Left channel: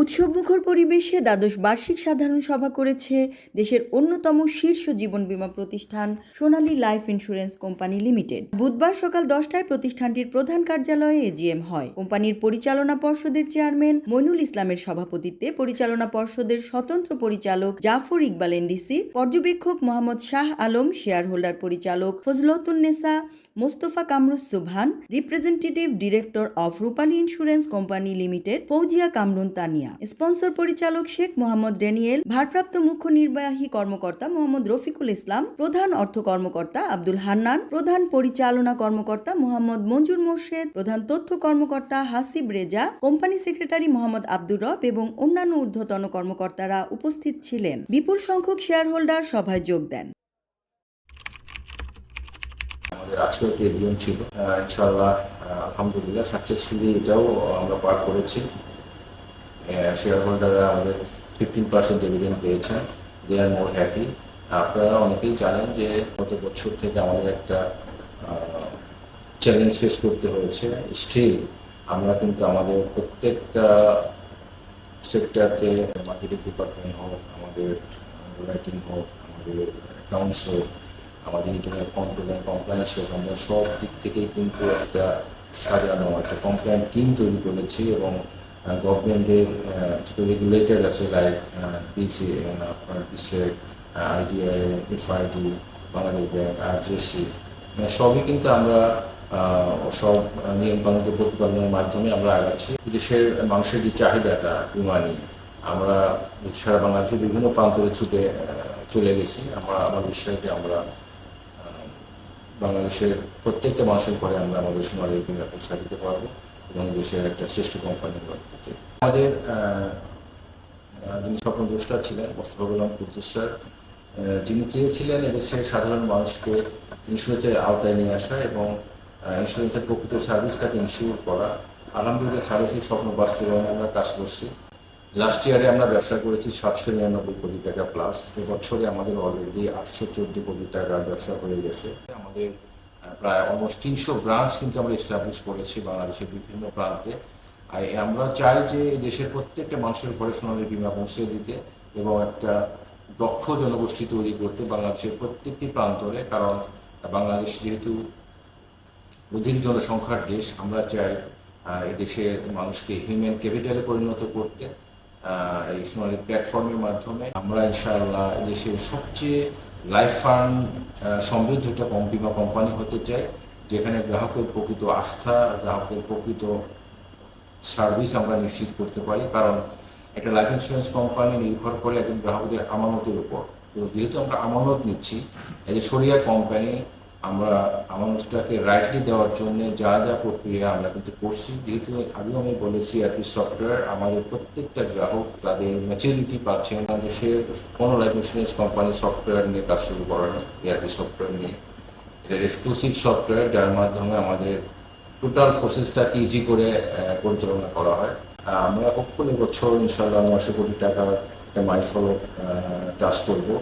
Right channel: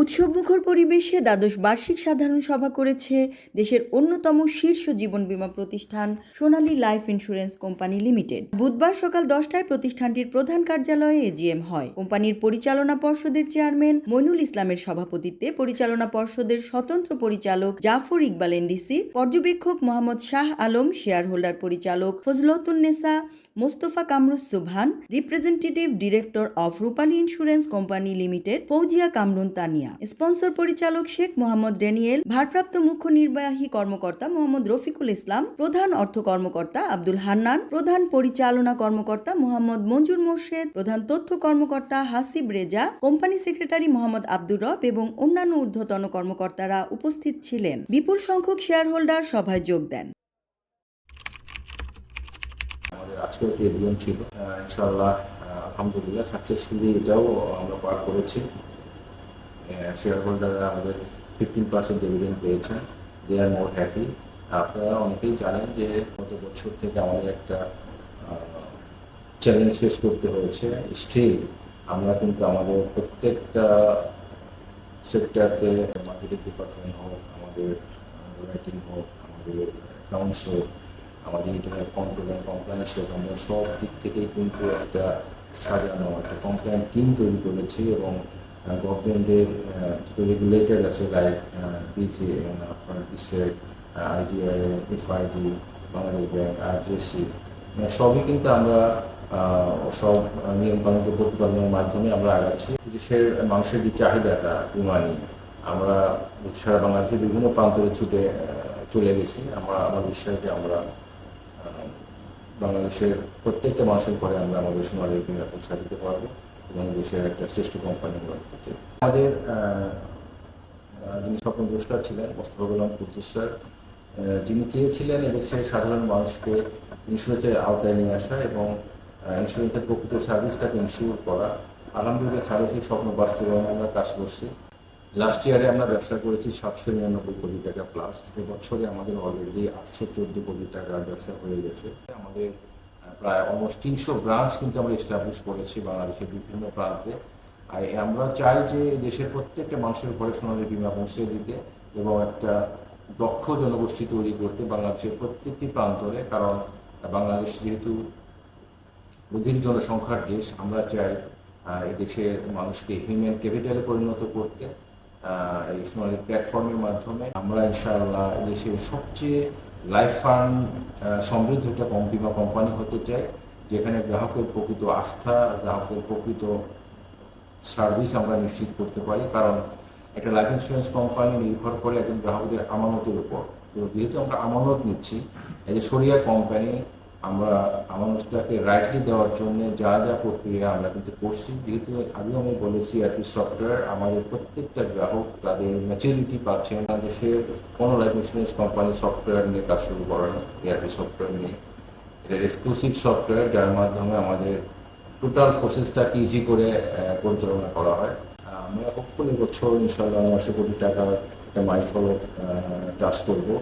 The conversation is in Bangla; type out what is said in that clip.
উৎসবমুখর পরিবেশে দ্বাদশ বার্ষিক সাধারণ সভা করেছে দেশের অন্যতম শীর্ষ জীবন বীমা প্রতিষ্ঠান সোনালী লাইফ ইন্স্যুরেন্স কোম্পানি লিমিটেড। বুধবার সকাল 10টায় প্রতিষ্ঠানটির প্রধান কার্যালয়ে এজিএম হয়। কোম্পানির পরিচালনা পর্ষদের চেয়ারম্যান মইনুল ইসলামের সভাপতিত্বে পরিচালনা পর্ষদের স্বতন্ত্র পরিচালক জাফর ইকবাল এনডিসি, পর্যবেক্ষক মোহাম্মদ শাহ আলম, শেয়ার হোল্ডার পরিচালক ফজলতুন্নেসা, মোস্তফা কামরুস সুবহান, representative director of Rupali insurance company limited Fouzia Kamrun Tania, sponsor পরিচালক শেখ মোহাম্মদ ড্যানিয়েল, ভারপ্রাপ্ত মুখ্য নির্বাহী কর্মকর্তা মোহাম্মদ রফিকুল ইসলাম, প্রধান অর্থ কর্মকর্তা আব্দুল হান্নান, প্রধান পরিচালনা কর্মকর্তা মোহাম্মদ মঞ্জুর মোর্শেদ, প্রধান তথ্য কর্মকর্তা হাসিব রেজা, কোম্পানি সেক্রেটারি মোহাম্মদ আব্দুর রব এবং অন্যান্য ঊর্ধ্বতন কর্মকর্তারা উপস্থিত ছিলেন। বিপুল সংখ্যক শেয়ার হোল্ডার সভায় যোগ দেন। আজকে একটি এজিএম ছিল, ইনশাআল্লাহ আলহামদুলিল্লাহ সাকসেসফুলি এটাও আমরা পার করেছি। শেয়ার হোল্ডাররা আমাদের 15% ডিভিডেন্ড পেয়েছেন, দে আর মোর হ্যাপি। আপনারা অনেকেই জানেন যে গত বছর থেকে আমাদের একটা চ্যালেঞ্জ ফেস করতে হয়েছে। স্টিল আমরা কিন্তু আমাদের প্রত্যেকটা সেক্টরকে, মার্কেটিং ডিপার্টমেন্ট হোক, আমাদের রাইটিং হোক, আমাদের অ্যাকাউন্টস হোক, আমাদের ইন্টারনেট কন্ট্রোল অ্যান্ড কমপ্লায়েন্স হোক, আমরা সব দিক থেকেই কিন্তু একটা সাজানো একটা কমপ্লায়েন্ট টিম তৈরি করেছি এবং গভর্নমেন্টের যেটা রেগুলেটর আছে লাইক বিসি, আপনার BSCIC, IDI, FID, Bangladesh bank, RJC, সবই কিন্তু আমরা সব নিয়মকানুনকে প্রতিপালনের মাধ্যমে আমরা আগাচ্ছি। দেশের মানুষের যে চাহিদাটা বিমা নিয়ে, আমরা সারা বাংলাদেশের বিভিন্ন প্রান্তরে ছুটে চলে গেছি। আমার বিশ্বাস যে আমরা বাংলাদেশের প্রত্যেকটা মানুষের পরে আমরা আমাদের সোনালী বিমা পৌঁছা দিতে পারবো এবং দেশের একটা শ্রেষ্ঠ কোম্পানি করতে। আমাদের যিনি স্বপ্নদ্রষ্টা ছিলেন মোস্তফা গোলাম কুদ্দুস স্যার, যিনি চেয়েছিলেন এদেশের সাধারণ মানুষকে ইন্স্যুরেন্সের আওতায় নিয়ে আসা এবং ইন্স্যুরেন্সের প্রকৃত সার্ভিসটাকে ইনশিওর করা। আলহামদুলিল্লাহ সার্ভিসের স্বপ্ন বাস্তবায়নে আমরা কাজ করছি। লাস্ট ইয়ারে আমরা ব্যবসা করেছি 799 কোটি টাকা প্লাস। এবছরে আমাদের অলরেডি 814 কোটি টাকার ব্যবসা হয়ে গেছে। আমাদের প্রায় অলমোস্ট 300 ব্রাঞ্চ কিন্তু আমরা এস্টাবলিশ করেছি বাংলাদেশের বিভিন্ন প্রান্তে। আর আমরা চাই যে দেশের প্রত্যেকটা মানুষের ঘরে সোনালী বিমা পৌঁছে দিতে এবং একটা দক্ষ জনগোষ্ঠী তৈরি করতে বাংলাদেশের প্রত্যেকটি প্রান্তরে। কারণ বাংলাদেশ যেহেতু অধিক জনসংখ্যার দেশ, আমরা চাই এই দেশের মানুষকে হিউম্যান ক্যাপিটালে পরিণত করতে এই সোনালী প্ল্যাটফর্মের মাধ্যমে। আমরা ইনশাআল্লাহ দেশের সবচেয়ে লাইফ ফান্ড সমৃদ্ধ একটা বিমা কোম্পানি হতে চাই, যেখানে গ্রাহকের প্রকৃত আস্থা, গ্রাহকের প্রকৃত সার্ভিস আমরা নিশ্চিত করতে পারি। কারণ একটা লাইফ ইন্স্যুরেন্স কোম্পানি নির্ভর করে একজন গ্রাহকদের আমানতের উপর। তো যেহেতু আমরা আমানত নিচ্ছি, এই যে শরিয়া কোম্পানি, আমরা আমানতটাকে রাইটলি দেওয়ার জন্য যা যা প্রক্রিয়া আমরা কিন্তু করছি। যেহেতু আগেও আমি বলেছি ইআরপি সফটওয়্যার, আমাদের প্রত্যেকটা গ্রাহক তাদের ম্যাচুরিটি পাচ্ছেন। দেশের কোনো লাইফ ইন্স্যুরেন্স কোম্পানি সফটওয়্যার নিয়ে কাজ শুরু করে না, ইআরপি সফটওয়্যার নিয়ে। এটা এক্সক্লুসিভ সফটওয়্যার যার মাধ্যমে আমাদের টোটাল প্রসেসটাকে ইজি করে পরিচালনা করা হয়। আমরা হোপফুলি বছর ইনশাআল্লাহ 900 কোটি টাকার একটা মাইলফলক টাচ করবো।